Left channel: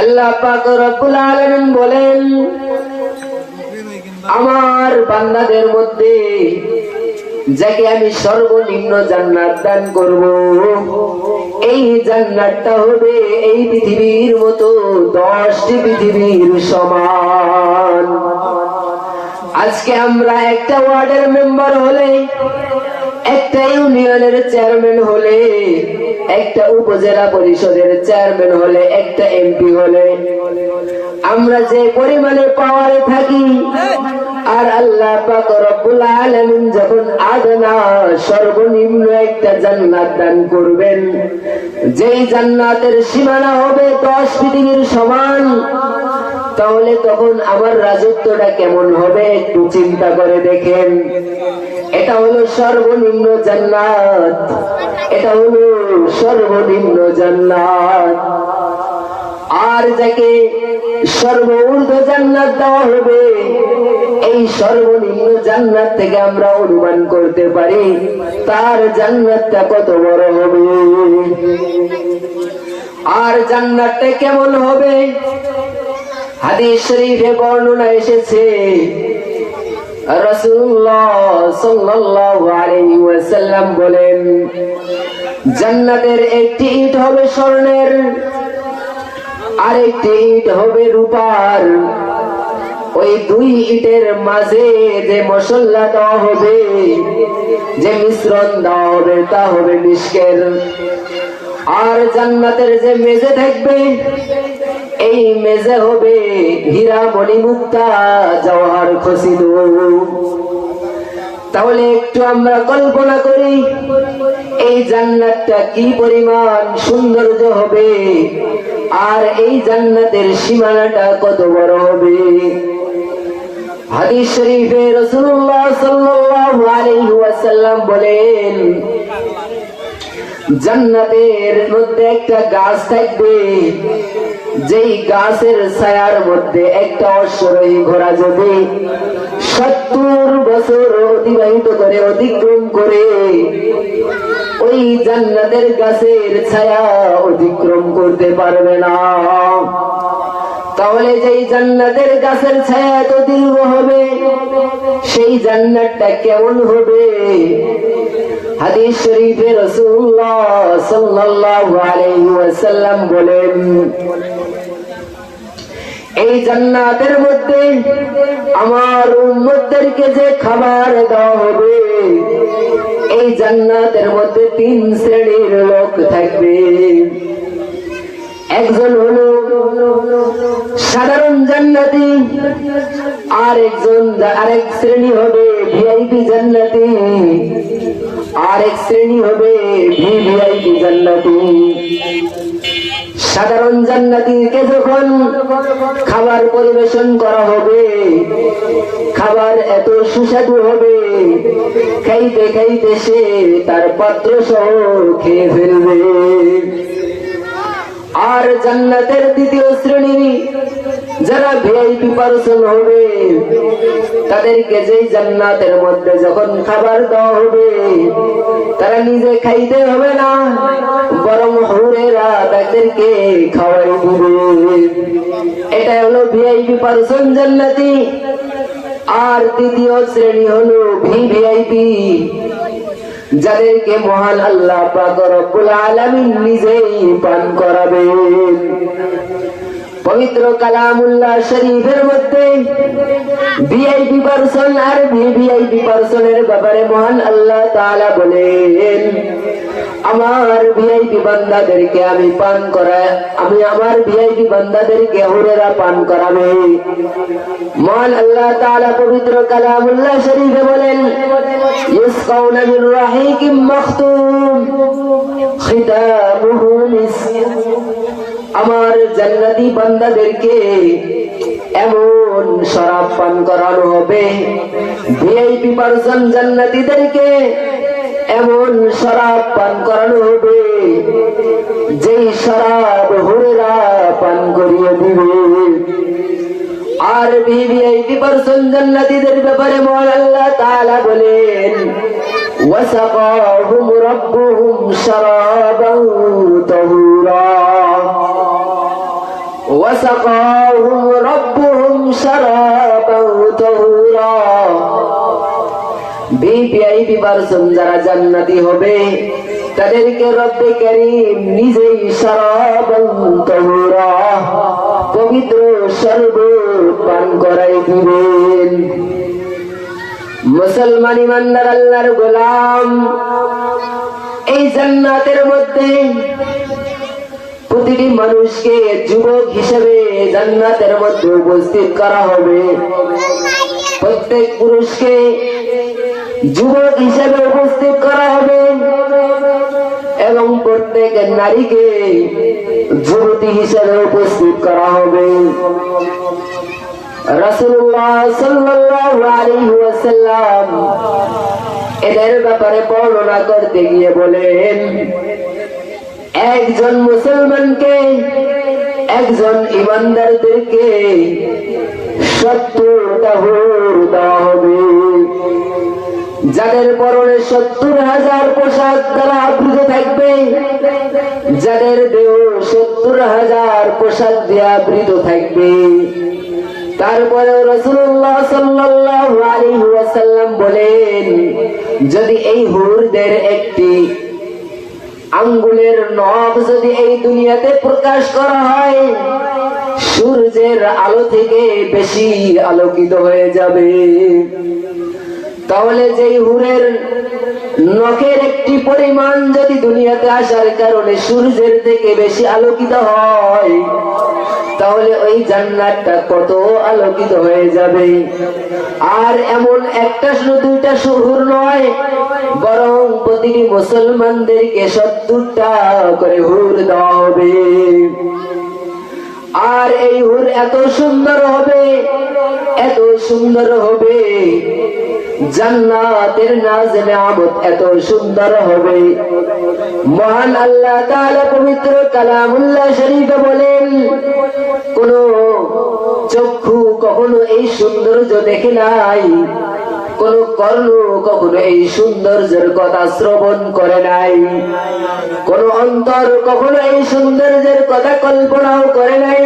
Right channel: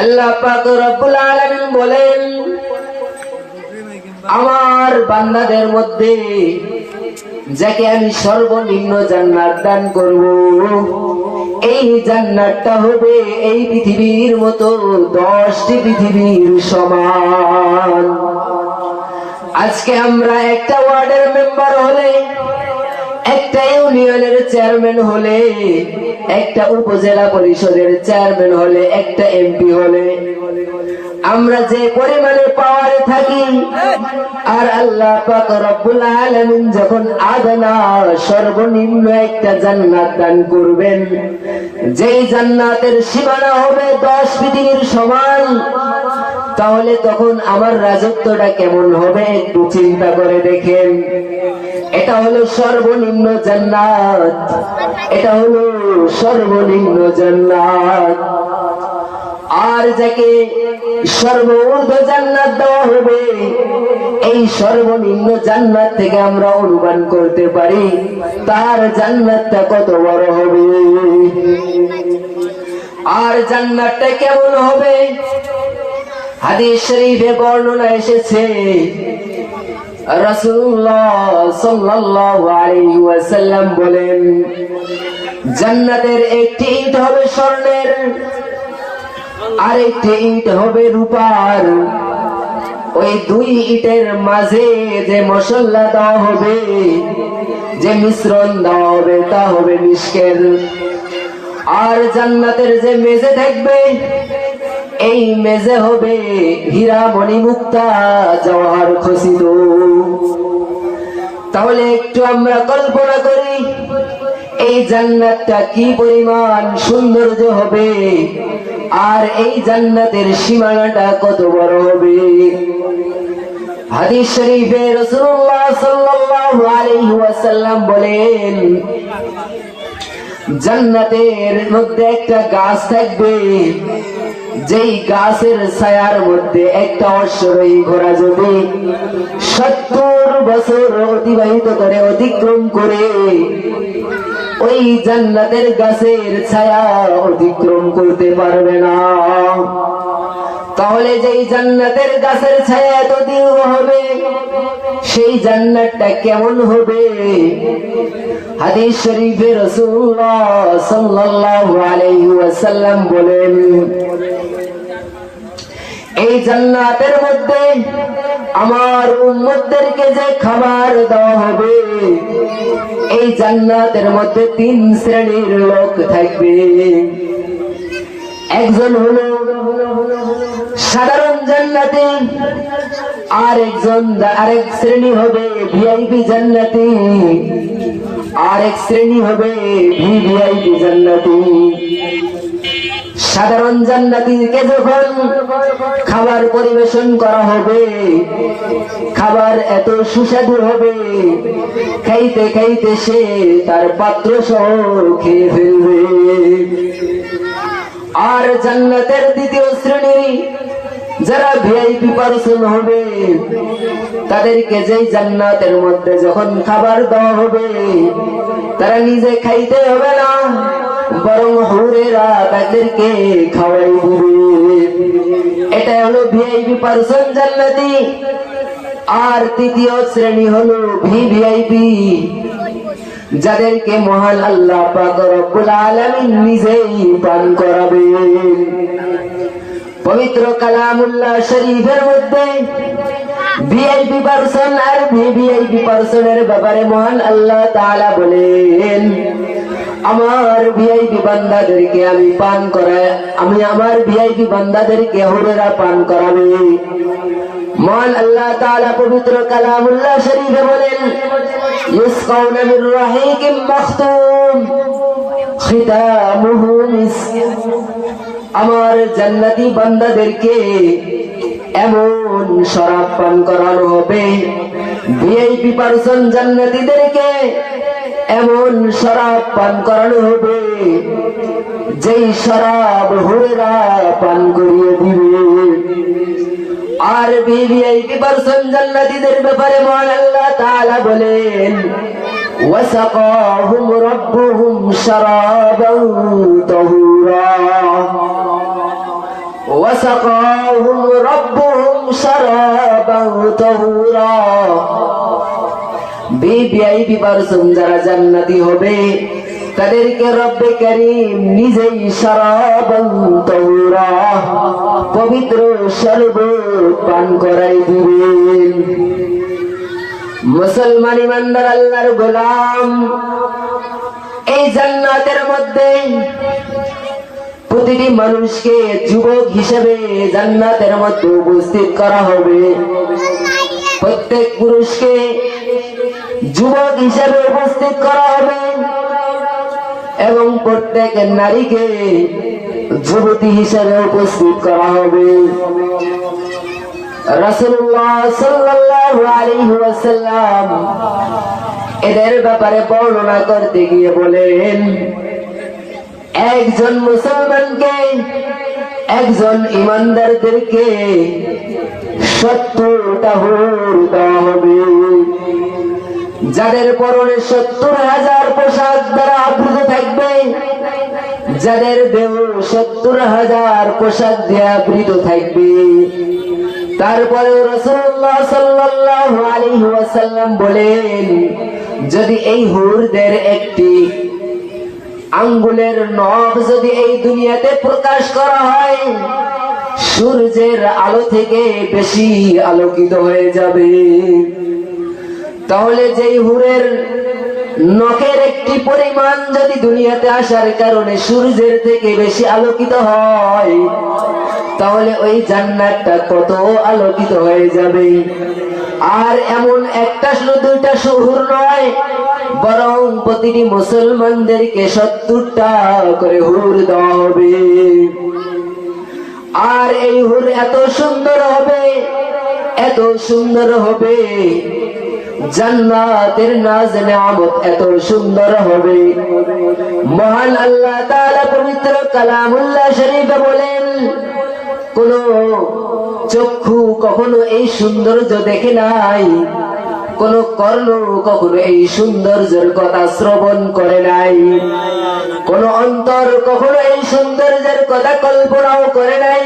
আল্লাহ পাক রব্বুল আলামিন বলেন, আমার বান্দাদের মধ্যে যাকে আমি সর্বনিম্ন জান্নাত দান করব, এই জান্নাতটা হবে এই পৃথিবীর মতো 10টি পৃথিবীর সমান। আজকে আমরা একটা ওয়ার্ডের মেম্বার হলে, একটা ইউনিয়নের চেয়ারম্যান হলে, একটা উপজেলা পরিষদের চেয়ারম্যান হলে, একটা এমপি হলে, আমরা যে পরিমাণে পাওয়ারে থাকি, আর আল্লাহ পাক রব্বুল আলামিন যখন আদনা সর্বনিম্ন একটা জান্নাত দান করবেন, যেই জান্নাতের সীমানা হবে 10 পৃথিবীর সমান, তাহলে তখন আমার রাজত্বটা কেমন হবে একটু চিন্তা করে দেখেন। এটা হলো সর্বনিম্ন জান্নাত, এটা হলো সর্বনিম্ন জান্নাত। আর যাকে সর্বোচ্চ জান্নাত দেওয়া হবে, এই সর্বনিম্ন জান্নাত থেকে আমরা অনুমান করতে পারি তার জান্নাতটা কত বড় হবে। আর জান্নাতটা কেমন হবে, হাদিস শরীফে বর্ণনা এসেছে, রাসূলুল্লাহ সাল্লাল্লাহু আলাইহি ওয়াসাল্লাম বলেন, জান্নাতের একটি ইট হবে স্বর্ণের, আরেকটি ইট হবে রূপার। ওই দুই ইটের মাঝে যে মশলা দেওয়া হবে, যে মিশ্রণ দেওয়া হবে, তা হবে মিশকের। আর জান্নাতের যে মেজে থাকবে, এই মেজে হবে হীরা মণি মুক্তা জওহর খচিত। তাহলে একটু আমরা কল্পনা করি এই জান্নাতটা কি পরিমাণ সৌন্দর্য হবে, আর এই জান্নাতের সীমানাটা কত বড় হবে। হাদিস শরীফে রাসূলুল্লাহ সাল্লাল্লাহু আলাইহি ওয়াসাল্লাম বলেন, জান্নাতের মধ্যে একটা গাছ থাকবে, যেই গাছের ছায়ার মধ্যে একটা অশ্বরোহী ঘোড়া যদি 70 বছর অতিবাহিত করে, অতিক্রম করে, ওই জান্নাতের গাছের ছায়া অতিক্রম করতে পারবে না। তাহলে যেই জান্নাতের গাছের ছায়া এত দীর্ঘ হবে, সেই জান্নাতটা কেমন হবে। হাদিস শরীফে রাসূলুল্লাহ সাল্লাল্লাহু আলাইহি ওয়াসাল্লাম বলেন, এই জান্নাতের মধ্যে আমার উম্মতদেরকে যে খাবার দেওয়া হবে, এই জান্নাতের মধ্যে 3 শ্রেণীর লোক থাকবে। একজন হলো সাধারণ জান্নাতি, আরেক শ্রেণী হবে ভিআইপি জান্নাতি, আরেক শ্রেণী হবে ভিভিআইপি জান্নাতি। সাধারণ জান্নাতীকে যখন খাবার পরিবেশন করা হবে, খাবার এত সুস্বাদু হবে, খাইতে খাইতে সে তার পাত্র সহ খেয়ে ফেলবে। আর জান্নাতের দ্বিতীয় শ্রেণী যারা ভিআইপি পার্সন হবে, তাদেরকে যেই জান্নাতের মধ্যে যখন খাবার দেওয়া হবে, তারা নিজে খাইতে হবে না, বরং হুরেরা তাদেরকে খাওয়াই দিবে। এটা হলো ভিআইপি পার্সন জান্নাতি। আর তৃতীয় শ্রেণী হলো ভিভিআইপি, যাদেরকে মহান আল্লাহ পাক রব্বুল আলামিন নিজেই পান করাবেন। পবিত্র কালামুল্লাহ শরীফের মধ্যে ভিআইপি পার্সন আর ভিভিআইপি পার্সনের ব্যাপারে মহান আল্লাহ তাআলা বলেন, আমার ভিআইপি বান্দাদেরকে আমি পান করায়, আমি আমার ভিআইপি বান্দাদেরকে হুরেরা পান করাবে। মহান আল্লাহ তাআলা পবিত্র কালামুল্লাহ শরীফে বলেন, ইসকাউনা মির রাহিকিম মাখতুম খিতামুহু মিস্ক। আমার জান্নাতি বান্দাদেরকে এমন শরাব পান করানো হবে, ভিআইপি পার্সন জান্নাতীদেরকে এমন শরাব পান করানো হবে, যেই শরাব হুরেরা পান করিয়ে দিবে। আর ভিভিআইপি পার্সন জান্নাতীদের ব্যাপারে মহান আল্লাহ তাআলা বলেন, ওয়াসাকাহুম রাব্বুহুম শারাবান তাহুরা। وسقاهم ربهم شرابا طهورا ভিআইপি পারসন যারা জান্নাতি হবে তাদেরকে রব্বে কারীম নিজেই শরাবান তাহুরা পবিত্র শরবত পান করাই দিবেন। মুসলমান ইমানদার আল্লাহর গোলাম, এই জান্নাতের মধ্যে প্রতিটি মানুষকে যুবক হিসেবে জান্নাতের মধ্যে উপস্থিত করা হবে। প্রত্যেক পুরুষকে যুবক হিসেবে উপস্থিত করা হবে এবং প্রত্যেক নারীকে যুবতী হিসেবে উপস্থিত করা হবে। রাসূলুল্লাহ সাল্লাল্লাহু আলাইহি ওয়াসাল্লাম এদের ব্যাপারে বর্ণনা করতে গিয়ে বলেন, একজন মুসলমানকে, একজন ইমানদারদেরকে 70টা হুর দেওয়া হবে, যাদের পরনে 70,000 পোশাক দ্বারা আবৃত থাকবে, যাদের দেহ 70,000 পোশাক দিয়ে আবৃত থাকবে। তারপরে রাসূলুল্লাহ সাল্লাল্লাহু আলাইহি ওয়াসাল্লাম বলেন, যদি এই হুরদের একটি আঙ্গুলের নখ যদি এই দুনিয়াতে প্রকাশ করা হয়, সূর্যের আলো থেকে বেশি আলোকিত হয়ে যাবে। তাহলে যেই হুরের নখের একটি পরিমাণ যদি দুনিয়াতে আসার কারণে সূর্যের থেকে বেশি আলোকিত হয়, তাহলে ওই জান্নাতটা কত আলোকিত হয়ে যাবে। আর এমন একটা শুধু দুইটা হুর নয়, বরং প্রতিটি মুসলমানদেরকে 70টা করে হুর দেওয়া হবে। আর এই হুর এত সুন্দর হবে, এত সুন্দর হবে, জান্নাতের নাজ নিয়ামত এত সুন্দর হবে। মহান আল্লাহ তাআলা পবিত্র কালামুল্লাহ শরীফে বলেন, কোন চক্ষু কখনো এই সৌন্দর্য দেখে নাই, কোন কর্ণ কখনো এই সৌন্দর্যের কথা শ্রবণ করে নাই, কোন অন্তর কখনো এই সৌন্দর্যের কথা কল্পনাও করে নাই।